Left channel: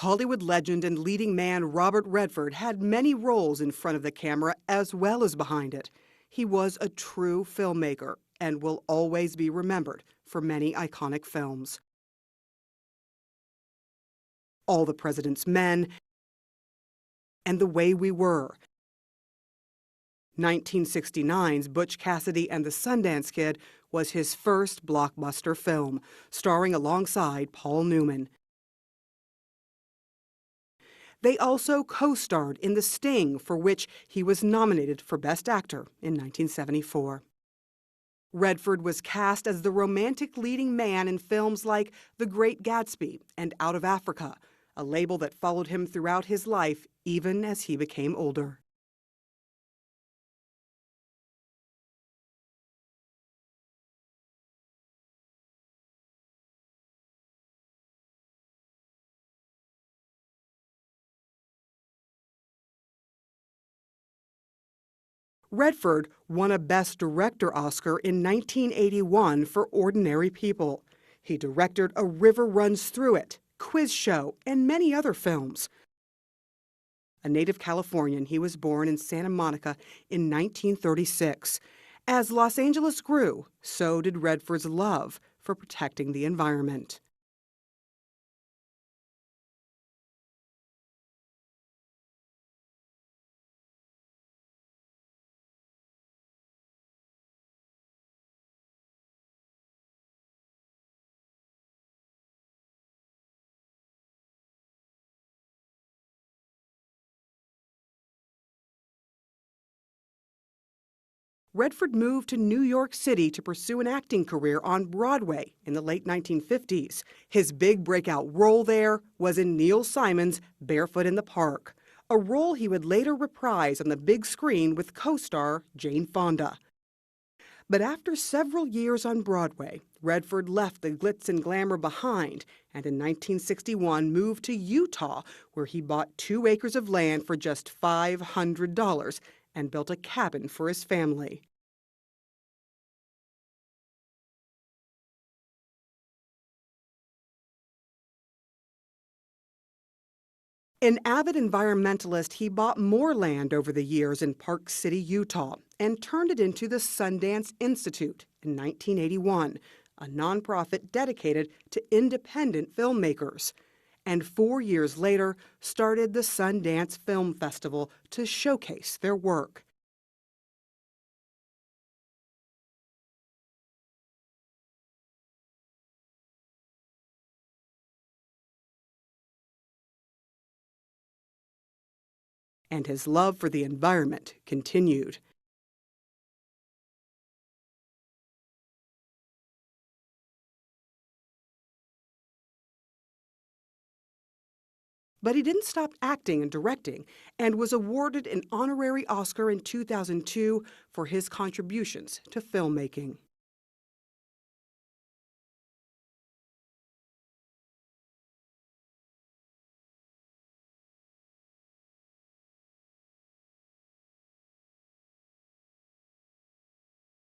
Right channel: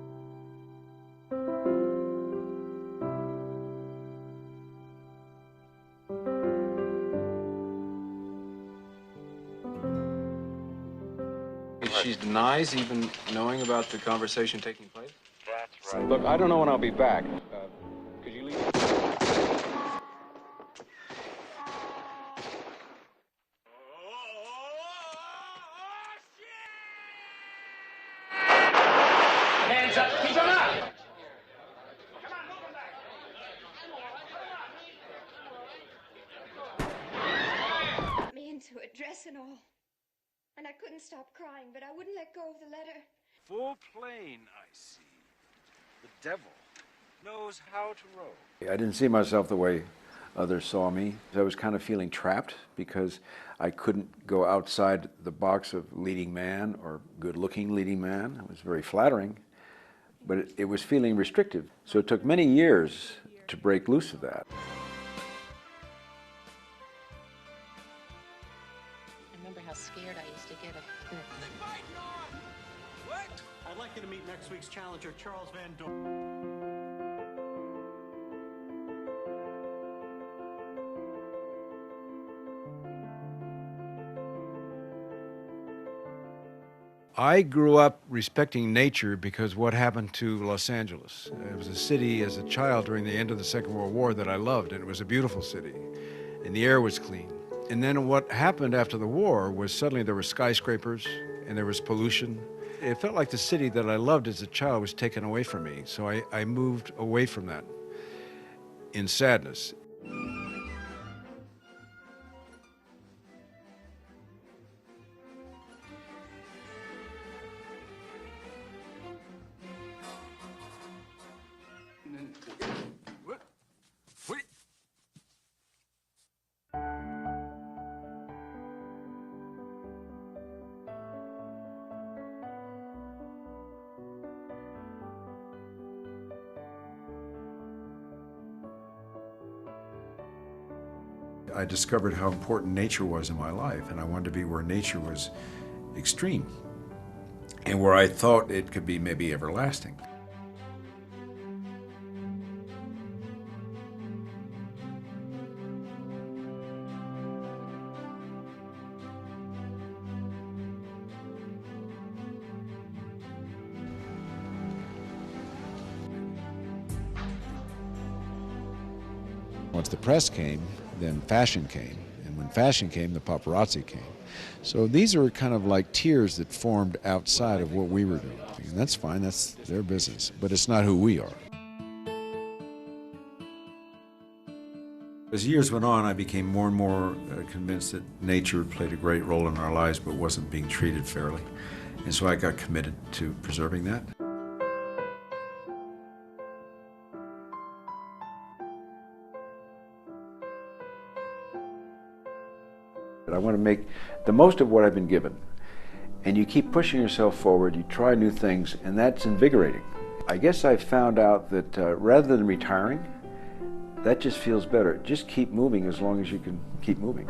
Hollywood legend and leading man Robert Redford had many roles in front of the camera as well as behind it. He was a true filmmaker and will always be remembered for many iconic films. She denies even knowing about the conversation. All the President's Men. Look, I don't know when I'll be back. And The Way We Were. 1969's Butch Cassidy and the Sundance Kid was his first blockbuster film, starring alongside Paul Newman. Hands up, keep them up! They also co-starred in The Sting, for which he was nominated for Best Actor in 1974. Redford was cast as the romantic leading man in films like The Great Gatsby and Out of Africa, a label that followed him throughout his life, even as he became older. I didn't see myself the way others saw me. I was kind of feeling trapped because I couldn't go outside the box of leading man or good-looking leading man. It was very flattering, but it was feeling restrictive. So it took many years to break loose of that. Redford won a Best Director Oscar in 1981 for Ordinary People. He directed A River Runs Through It, Quiz Show, and many other films. A native Californian, he was born in Santa Monica in 1936. As Los Angeles grew, so did Redford's love for protecting the environment. I grew up respecting nature because what happened to Los Angeles. It was a city as a child during the end of the Second World War that I loved, and it was a beautiful city, and the air was clean. And then what happened after the war was suddenly there were skyscrapers and there was pollution. It felt like the city that I loved as a child was taken away from me, so I moved away from that in sadness. Redford moved to New York City to pursue an acting career on Broadway in the late 1950s. His big breakout role there was in Neil Simon's Barefoot in the Park, a role he would later reprise on the big screen with co-star Jane Fonda. But after several years on Broadway, Redford left the glitz and glamour behind and in 1961 moved to Utah, where he bought 2 acres of land for just $500 and built a cabin for his family. I discovered how important nature was in my life, and I wanted to be where nature was extreme and where I thought it could be maybe everlasting. An avid environmentalist, he bought more land over the years in Park City, Utah, and turned it into the Sundance Institute in 1981, a nonprofit dedicated to independent filmmakers. And 4 years later, started the Sundance Film Festival to showcase their work. Once the press came, then fashion came. And when fashion came, the paparazzi came. So these are kind of like tiers that formed outside of what we were doing. And that's fine, that's their business, but it's not who we are. And his love for the environment continued. As years went on, I became more and more convinced that nature played a great role in our lives but wasn't being treated fairly. And so I got committed to preserving that. But he didn't stop acting and directing and was awarded an honorary Oscar in 2002 for his contributions to filmmaking. I want to make the most of what I've been given. And you keep pushing yourself forward, you try new things, and that's invigorating. I guess I found out that rather than retiring, that just feels better. Just keep moving as long as you can keep moving.